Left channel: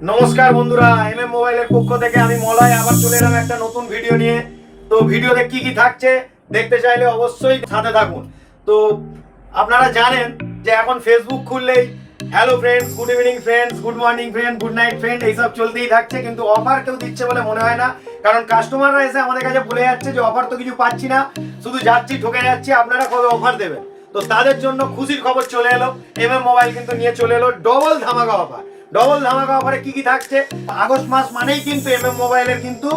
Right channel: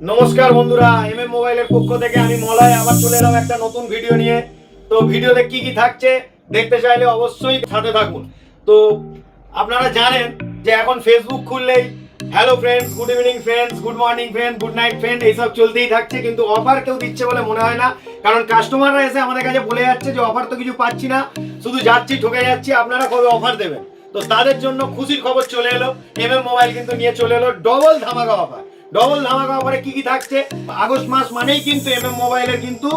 নমস্কার বন্ধুরা, এমএম মোবাইলের পক্ষ থেকে আমি মলয় আবার চলে এলাম একটা নতুন ভিডিও নিয়ে। তো ভিডিওতে কি কি থাকছে দেখতে চাইলে অবশ্যই সাথে থাকুন। তো আপনারা জানেন যে এখন ফেসবুক খুললেই hello friends, good evening friends, good morning friend, good night friend এইসব চলতেই থাকছে, কিন্তু অফার কেউ দিচ্ছে বলে মনে হয় না। কারণ কাস্টমাররা এসে আমাদের কাছে বলে যাচ্ছে যে অফার তো কিছু পাচ্ছি না, শুধু যাচ্ছি ঠকে যাচ্ছি, আপনারা কবে অফার দেবেন। তো তাদের জন্য খুশির খবর চলে এলো, এমএম মোবাইল কিন্তু নিয়ে চলে এলো ডবল ধামাকা অফার। ডবল ধামাকা অফারে কি কি থাকছে? আগস্ট মাস মানেই কিন্তু এমএম মোবাইলের কিন্তু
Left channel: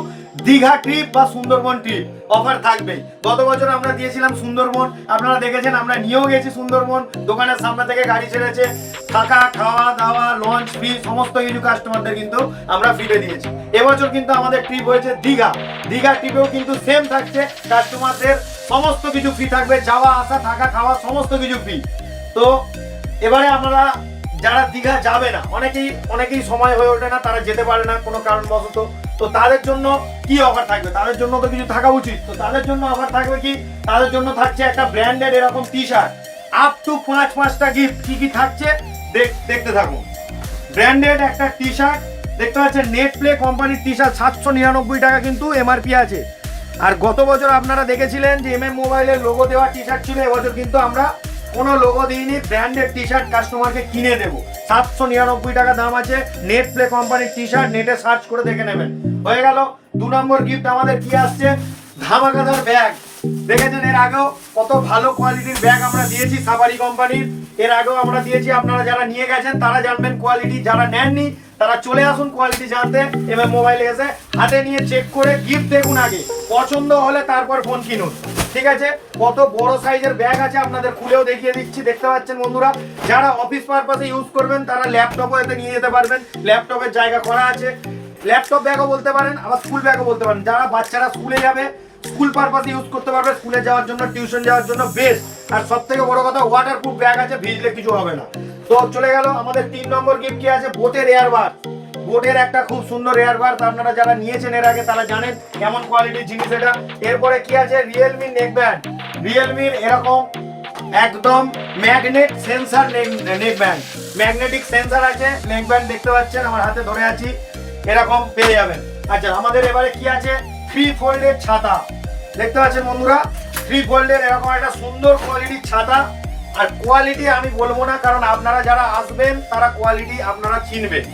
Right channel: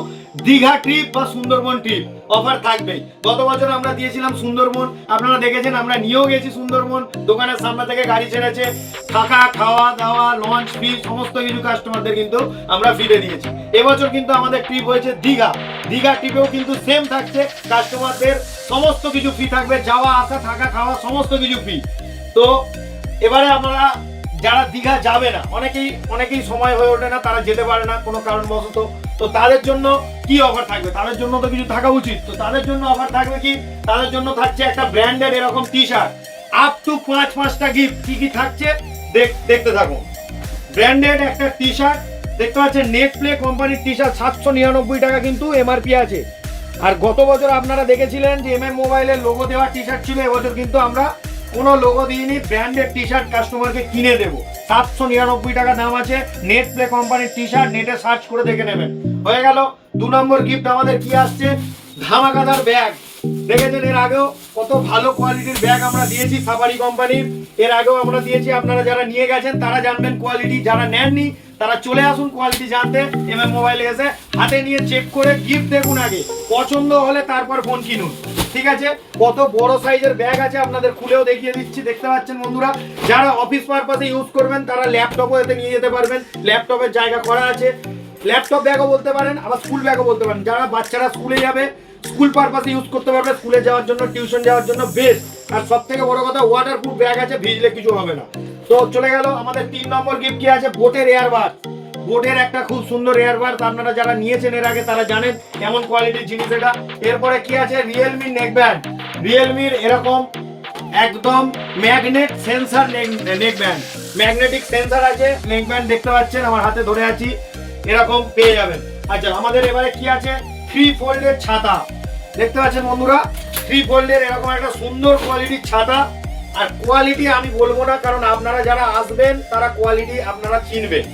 দীঘা ট্রিপ বা সুন্দরবন ট্রিপ অফার থাকবে। গত বছর আমরা দিয়েছিলাম সুন্দরবন, আপনারা দেখেছেন, আমরা নিয়েও গেছি সুন্দরবন, দোকানের সামনে থেকে গাড়ি ছেড়েছে, থাকা খাওয়া দাওয়া লঞ্চ ফি সমস্ত কিছু কাস্টমারদের কিন্তু আমরা ফ্রিতে দিয়েছি। এবছর কিন্তু আমাদের ট্রিপ হয়েছে দীঘা। দীঘা ট্রিপেও কিন্তু সেম থাকছে, কাস্টমারদের সমস্ত কিছু ফ্রি থাকবে, যাওয়া আসা থাকা খাওয়া সমস্ত কিছু ফ্রি। তো এবারে আমরা যারা দীঘা যাবে না, অনেকেই সময় হয়ে ওঠে না, তারা যেতে পারে না কোনো কারণবশত, তো তাদের জন্য কি অফার থাকবে? তাদের জন্য তো কিছু থাকা উচিত। তো তাদের জন্য অফার থাকবে কি? তাদের জন্য থাকছে একটা ব্র্যান্ডেড এরকম টি শার্ট, আপ টু 5টা গিফট। কি কি থাকছে দেখতে থাকুন। ব্র্যান্ডেড একটা টি শার্ট দেখতে পাচ্ছেন, নেট প্লে কোম্পানির টি শার্ট 799 টাকা কিন্তু এমআরপি আছে। আর গত বছর আপনারা দেখেছিলেন যে এমএম মোবাইলের লোগো দেওয়া টি শার্ট ছিল, এবছর কিন্তু আমরা কোনো লোগো দিইনি, ব্র্যান্ডেড টি শার্ট কাস্টমারকে কিনে দেবো। 799 টাকা দাম আছে, নেট প্লে কোম্পানির টি শার্ট, নেটে সার্চ করে দেখে নেবেন। হয়ে গেল। 2 নম্বর গিফট আমাদের কি আসছে? ধামাকাদার ব্যাগ। দেখেছেন এর আগেও কত ভালো কোয়ালিটির ব্যাগ আমরা দিয়েছি সাফারি কোম্পানির, এর আগেও আমরা দিয়েছি। আপনারা যারা নিয়ে গেছেন তারা জানবেন কোয়ালিটি, যারা নেননি তারা চলে আসুন কোয়ালিটি জানতে, এমএম মোবাইলে এসে হাতে নিয়ে চেক করে গিফট দেখুন আগে, পছন্দ হলে তারপর ফোন কিনুন। ঠিক আছে? কত বড় সাইজের ব্যাগ আছে আপনাদের খুলেও দেখিয়ে দিচ্ছি, দেখতে পাচ্ছেন বন্ধুরা। যারা অফিস পারপাসে ইউজ করবেন তারা ল্যাপটপও এতে নিয়ে যেতে পারবেন, ল্যাপটপের জায়গা করা আছে। ল্যাপটপ ব্যাগও বলতে পারেন, আবার স্কুল ব্যাগও বলতে পারেন। যারা বাচ্চারা স্কুলে যাবে স্কুল পারপাসে ইউজ করতে পারবে, স্কুলে যাওয়ার জন্য টিউশন যাওয়ার জন্য বেস্ট। আর সব থেকে বড় কথা, ওয়াটারপ্রুফ ব্যাগ আছে, ভিজলে কিছু হবে না। তো চলে গেল আমাদের 3 নম্বর গিফট কি আছে? বোটের এয়ারবার। বোটের একটা খুব সুন্দর এয়ারবার, আপনারা যারা নিয়েছেন এর আগে তারা জানেন কেমন কোয়ালিটির জিনিস এটা। এরপরে কি আছে? Realme neck band. রিয়েলমির এরকম একদম magnet sensor neck band, magnetic sensor আছে নেক ব্যান্ড, দেখতে পাচ্ছেন আমার হাতে ধরে আছি, এরকম পেয়ে যাবেন। আচ্ছা, আমাদের এবারে কি আছে? 3 ফোল্ডের ছাতা। দেখতে পাচ্ছেন বন্ধুরা, 3 ফোল্ডের এরকম একটা সুন্দর কোয়ালিটির ছাতা। আর কোয়ালিটি আমি বলবো না, কারণ আপনারা যারা আসবেন তারা কোয়ালিটি আপনারা চিনবেন।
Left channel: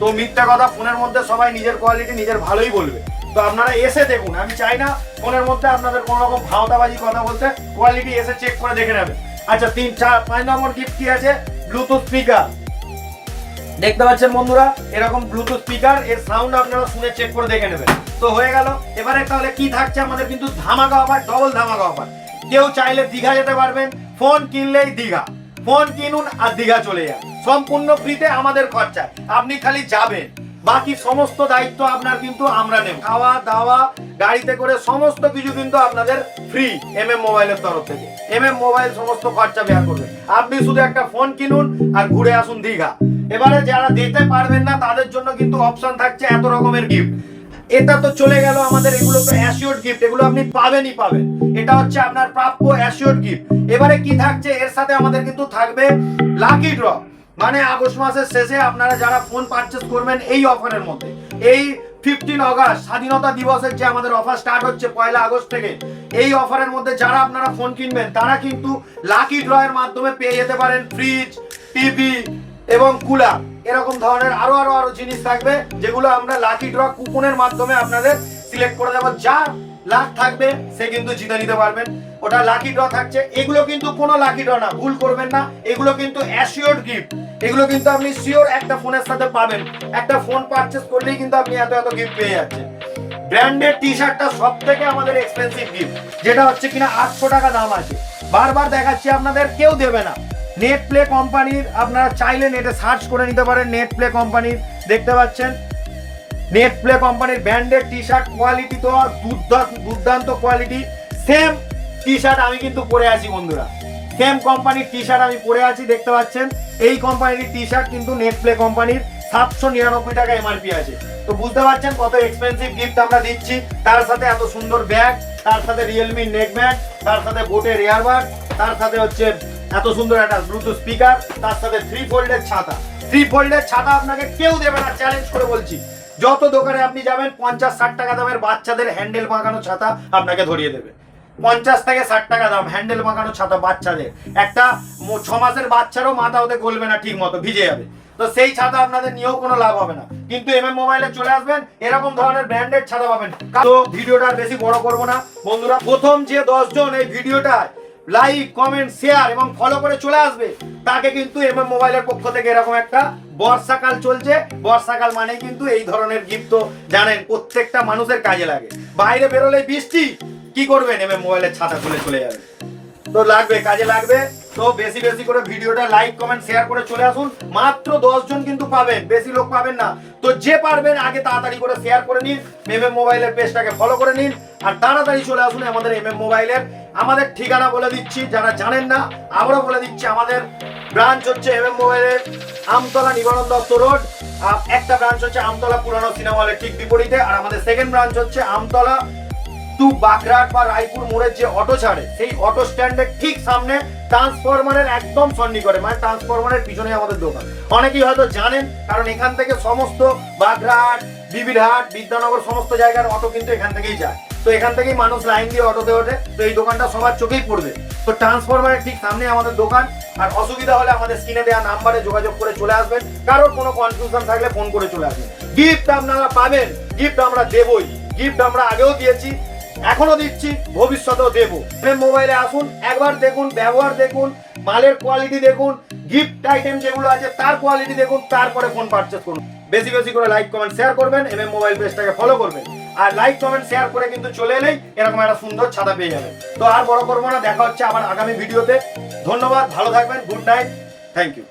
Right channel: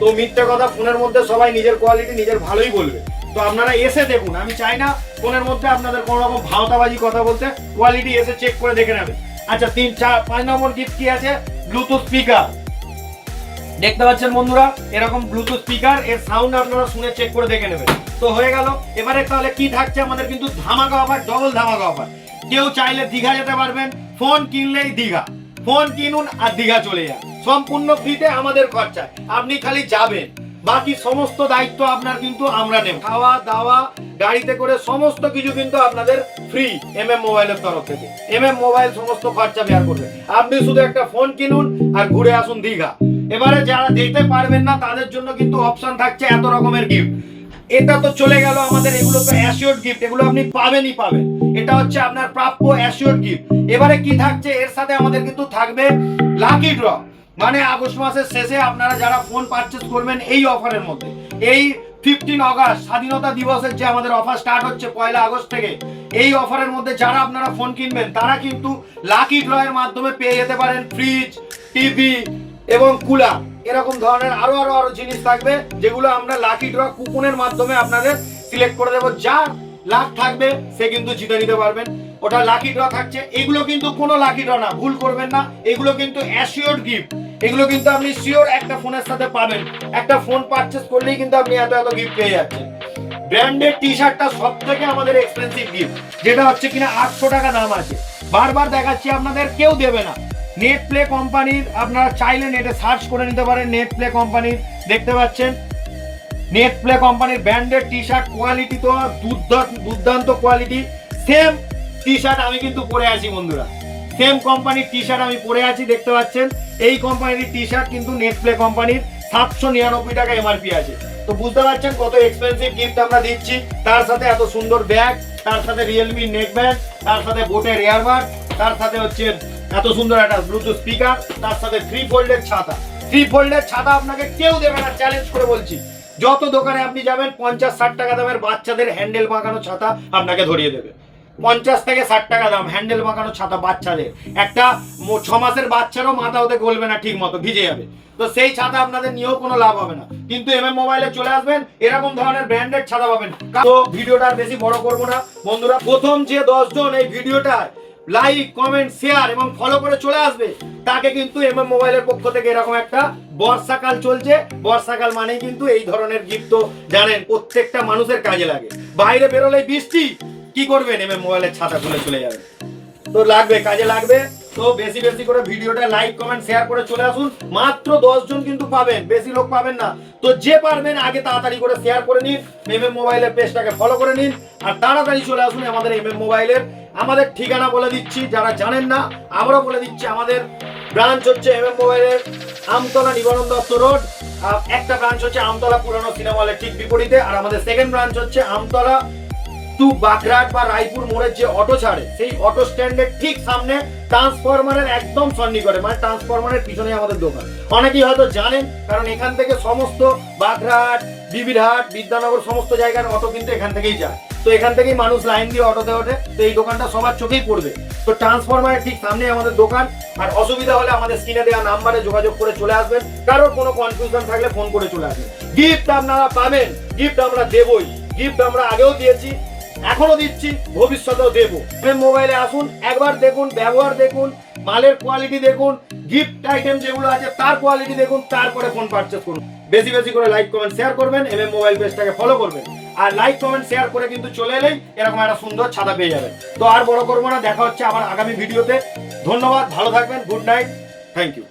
তো মিথ্যা কথা, ফোনের মধ্যে সবাই নিজের কোয়ালিটি নিজের ভালোই বলবে। তো আপনারা এসে দেখুন, আমি চাই না ফোনের মধ্যে আপনাদের কোনো রকম ভাওতাবাজি কথা বলতে, কোয়ালিটি এসে চেক করে দেখে নেবেন। আচ্ছা, 3, 4, 5 নম্বর গিফট কি আছে? Bluetooth speaker. দেখতে পাচ্ছেন বন্ধুরা, এরকম ব্লুটুথ স্পিকার, এর সাউন্ড আপনারা শুনে চেক করে দেখে নেবেন। তো হয়ে গেল। এবারে তাহলে কি থাকছে আমাদের? কিন্তু ধামাকা অফার, ডবল ধামাকা অফার। কেউ চাইলে দীঘা যেতে পারবেন, ফোন কিনলেই দীঘা। ফোন কিনুন আর দীঘা চলে যান, সম্পূর্ণ ফ্রিতে আমাদের খরচা, আপনি খালি যাবেন, বাকি সমস্ত দায়িত্ব আপনার কিন্তু আমরা নেব। খাওয়া দাওয়া গাড়িতে করে সমস্ত কিছু কিন্তু আপনাদের ফ্রি এমএম মোবাইলের তরফ থেকে। এমএম মোবাইল সমস্ত খরচা বেয়ার করবে, আপনি শুধু একটা ফোন কিনুন আর ঘুরে আসুন দীঘা। এবারে যারা যেতে পারবেন না তাদের জন্য কিন্তু অপশন থাকছে এত রকমের গিফট। এটা তো চলে গেল আমাদের, এগুলো তো অ্যাসিওরড গিফট, এগুলো আপনি পাবেনই পাবেন, এটা হচ্ছে আপনার প্রাপ্য অ্যাসিওরড গিফট। এবারে কি থাকছে? এর সাথে আমাদের কিন্তু থাকবে লাকি ড্র। মানে আগস্ট মাসের শেষে আপনারা যারা ফোন পারচেজ করবেন এই অফারের মধ্যে, এই 15 আগস্ট স্বাধীনতা দিবসের যে আমাদের অফার স্টার্ট হচ্ছে 1 আগস্ট থেকে, এই অফারের মধ্যে যারা আপনারা ফোন কিনবেন তারা কিন্তু লাকি ড্র এর মাধ্যমে পেয়ে যেতে পারেন ফ্রিজ, টিভি এবং কুলার, এরকম ধরনের আরো জিনিস থাকবে, যেগুলো আমরা লাকি ড্র কুপনের মাধ্যমে আপনাদের সিলেক্ট করে দেবো। যার লাখ থাকবে সে কিন্তু জিতে নিতে পারবেন, ওটা লাকি ড্র থাকছে। এগুলো কিন্তু কোনো লাকি ড্র না, ভুল করবেন না, এগুলো কিন্তু অ্যাসিওরড গিফট। এগুলো কিন্তু আপনি শিওর একটা ফোনের সাথে পাবেন, একটা ফোন পারচেজ করলেই কিন্তু আপনি এত গিফট পেয়ে যাচ্ছেন। ব্র্যান্ডেড টি শার্টটা সব থেকে আমাদের এক্সপেন্সিভ গিফট, যেটা হচ্ছে কিনা 800 টাকা দাম আছে। বারবার দেখাচ্ছি আপনাদের, কেউ দেবে না। নেট প্লে কোম্পানির, আপনারা চাইলে নেটে সার্চ করে নিতে পারেন, নেট প্লে কোম্পানির, দেখতে পাচ্ছেন নেট প্লে কোম্পানির ব্র্যান্ডেড টি শার্ট, কোয়ালিটি তো দুর্দান্ত কোয়ালিটি। সেম টি শার্ট আমি কিন্তু পরে আছি বন্ধুরা, সেম কোম্পানির টি শার্ট আমি পরে আছি, দেখতে পাচ্ছেন। এই কোম্পানির টি শার্ট কিন্তু নেট প্লে কোম্পানির 799 টাকা এমআরপি আছে। তো বুঝতে পারছেন কত এক্সপেন্সিভ গিফট আমরা দিচ্ছি, তার সাথে এত সুন্দর ব্যাগ, তার সাথে রিয়েলমি নেক ব্যান্ড, তার সাথে বোটের এয়ারবাড, তার সাথে হচ্ছে এত সুন্দর একটা ব্লুটুথ স্পিকার, তার সাথে 3 ফোল্ডের ছাতা। 3 ফোল্ডের ছাতা আপনাকে কেউ দেবে না, চ্যালেঞ্জ করে বলছি। যত দোকানে আপনি যাবেন 50-60 টাকা দামের বাচ্চাদের হ্যান্ডেল বাঁকানো ছাতা আপনাকে ধরিয়ে দেবে। 50 থেকে 60 টাকা দাম হ্যান্ডেল বাঁকানো ছাতা বাচ্চাদের। একটা 6 মাসের বাচ্চারও মাথা হতে গলবে না ঠিক মতো, ভিজে যাবে। তো সেই ছাতা আপনাদের নিয়েও কোনো লাভ হবে না। কিন্তু এমএম মোবাইলে চলে আসবেন, এরকম ধরনের ব্র্যান্ডেড ছাতা পাবেন। তো ভিডিওটা আর বেশি বড় করব না বন্ধুরা। প্রথম যে 10 জন এই ভিডিওটা লাইক, কমেন্ট, শেয়ার এবং ফলো করে চলে আসবে, তাকে কিন্তু এমএম মোবাইলের পক্ষ থেকে এরকম একটা, বর্ষাকাল চলছে, বর্ষাকাল মানেই কিন্তু এই ধরনের গিফট তো জানেন প্রত্যেকটা মানুষের কাজে লাগে। বাইরে বেরোলে বৃষ্টি, কি করবেন? এমএম মোবাইলের ছাতা খুলে চলে যাবে। তো লাগবে, কাজে লাগবে। তো বেশি বেশি করে ভিডিওটা লাইক, কমেন্ট, শেয়ার করে চলে আসুন। মাত্র 10 জন কিন্তু পাবেন, বেশি লোক পাবেন না। তো যে পারবেন আগে তাড়াতাড়ি করে শেয়ার করে নিন, এমএম মোবাইলের পেজটাকে ফলো করে নিন, আর তাড়াতাড়ি চলে আসুন আমাদের এমএম মোবাইলের। আমাদের ঠিকানা বলে দিচ্ছি, যারা জানেন না আমরাও বলে দিচ্ছি। আমাদের ব্রাঞ্চ হচ্ছে এমএম মোবাইলের আমতলা নিবারণ দত্ত রোড। একটা ব্রাঞ্চ হচ্ছে আমতলা পুরানো সিনেমা হলের ঠিক বিপরীতে, আর আমাদের সেকেন্ড ব্রাঞ্চ হচ্ছে আমতলা টু বাগরাট বা রায়পুর মোড়ের যে অটো ছাড়ে সেই অটো স্ট্যান্ডের ঠিক সামনে, ট্রান্সফরমারের একদম সন্নিকটে, মানে ট্রান্সফরমারের পিছনে আমাদের দোকান। অনেকেই হয়তো জানেন, কারণ এখান থেকে সমস্ত বাগরাট, বিবিরহাট, বিদ্যানগর সমস্ত জায়গার অটো কিন্তু এখান থেকেই যায়। তো এখান থেকেই মানুষ লাইন দিয়ে অটোতে ওঠে। তো এই দোকানটা সবার চোখেই পড়বে। তো ট্রান্সফরমারের ঠিক সামনে আমাদের দোকান। আর অসুবিধা হলে আমাদের স্ক্রিনে দেওয়া নাম্বারে যোগাযোগ করে চলে আসবেন। কারোর কোনো কনফিউশন থাকলে ফোন করে চলে আসবেন। গিফট আপনারা পাবেন, গিফট আমরা দেবই। গিফট আমরা আগেও দিয়েছি, এখনো দিচ্ছি, ভবিষ্যতেও দেবো। মোবাইলে আসুন, একবার দেখুন, ব্যবহার দেখুন, মালের কোয়ালিটি দেখুন, গিফট আইটেম যেগুলো আছে তার কোয়ালিটি দেখুন, তারপরে ফোন পারচেজ করুন। বেশি বেশি করে লাইক, কমেন্ট, শেয়ার করবেন, এমএম মোবাইল পেজটাকে ফলো করবেন। আর লাইক, কমেন্ট, শেয়ার করে কিন্তু চলে এলেই এরকম একটা সুন্দর ছাতা পেয়ে যাবেন। তো আর বড় করবো না, দেখা হচ্ছে আবার আগামী ভিডিওতে। ধন্যবাদ, ভালো থাকবেন, গুড নাইট, থ্যাংক ইউ।